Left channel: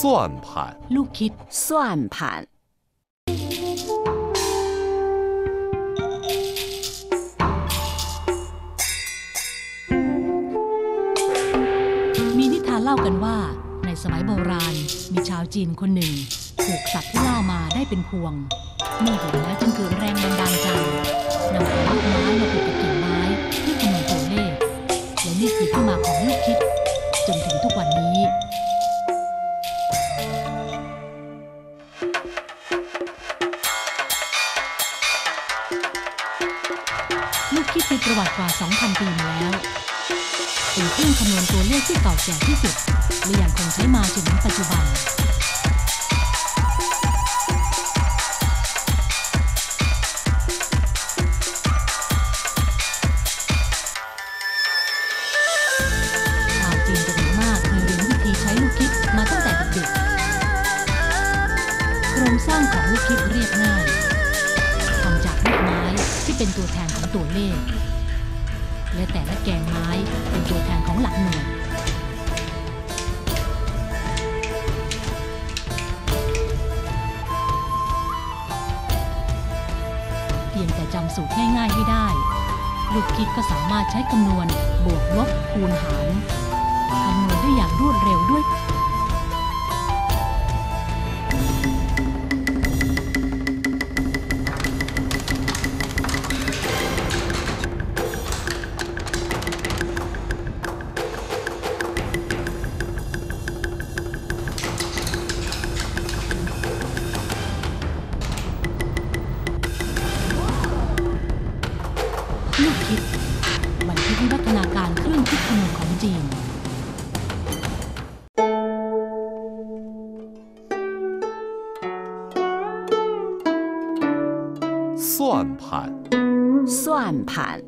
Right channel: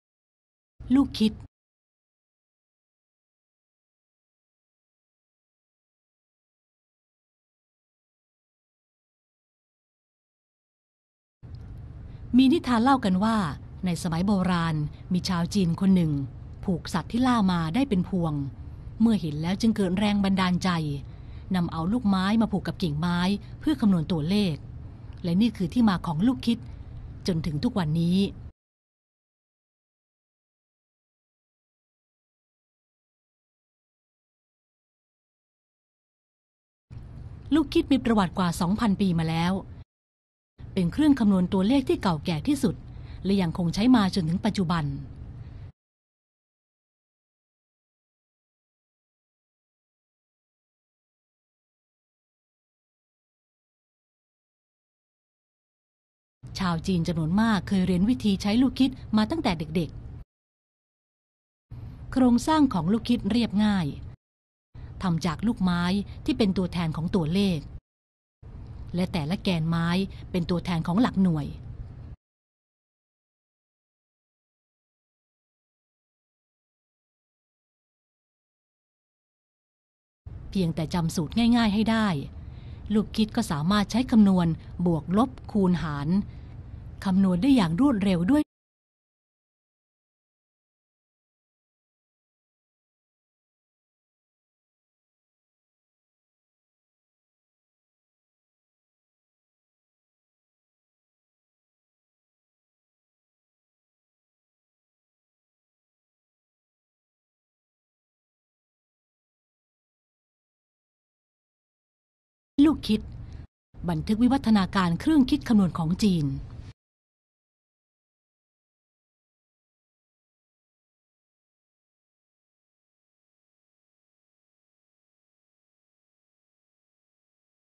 算盘， ลูกคิด 算盘， มีนิทานเล่ากันว่า ในสมัยโบราณ มีชาวจีนคนหนึ่ง ผูกสัตว์ที่ล่ามาได้เป็นพวง เมื่อเห็นแล้วจึงเกิดแรงบันดาลใจนำเอาลูกไม้มาผูกกับกิ่งไม้เพื่อคำนวณตัวเลข และนี่คือที่มาของลูกคิด จนถึงทุกวันนี้ลูกคิดมีประวัติกว่า 2,000 ปีมาแล้ว เป็นเครื่องคำนวณตัวเลขที่เก่าแก่ที่สุด และยังคงใช้มาจนถึงปัจจุบัน จีนจำนวนมากเคยเรียนวิธีใช้ลูกคิดมาตั้งแต่เด็กๆ โครงสร้างของลูกคิดเรียบง่ายทำจากลูกไม้ที่เป็นตัวแทนของตัวเลข และแต่ละแกนไม้เป็นตัวแทนของหลักหน่วย เพียงแต่จำสูตรง่ายๆให้ได้ ลูกคิดก็สามารถใช้คำนวณบวกลบคูณหาร คำนวณได้อย่างรวดเร็วด้วยลูกคิด บันทึกวิวัฒนาการเครื่องคิดคำนวณของจีน 算盘，算盘，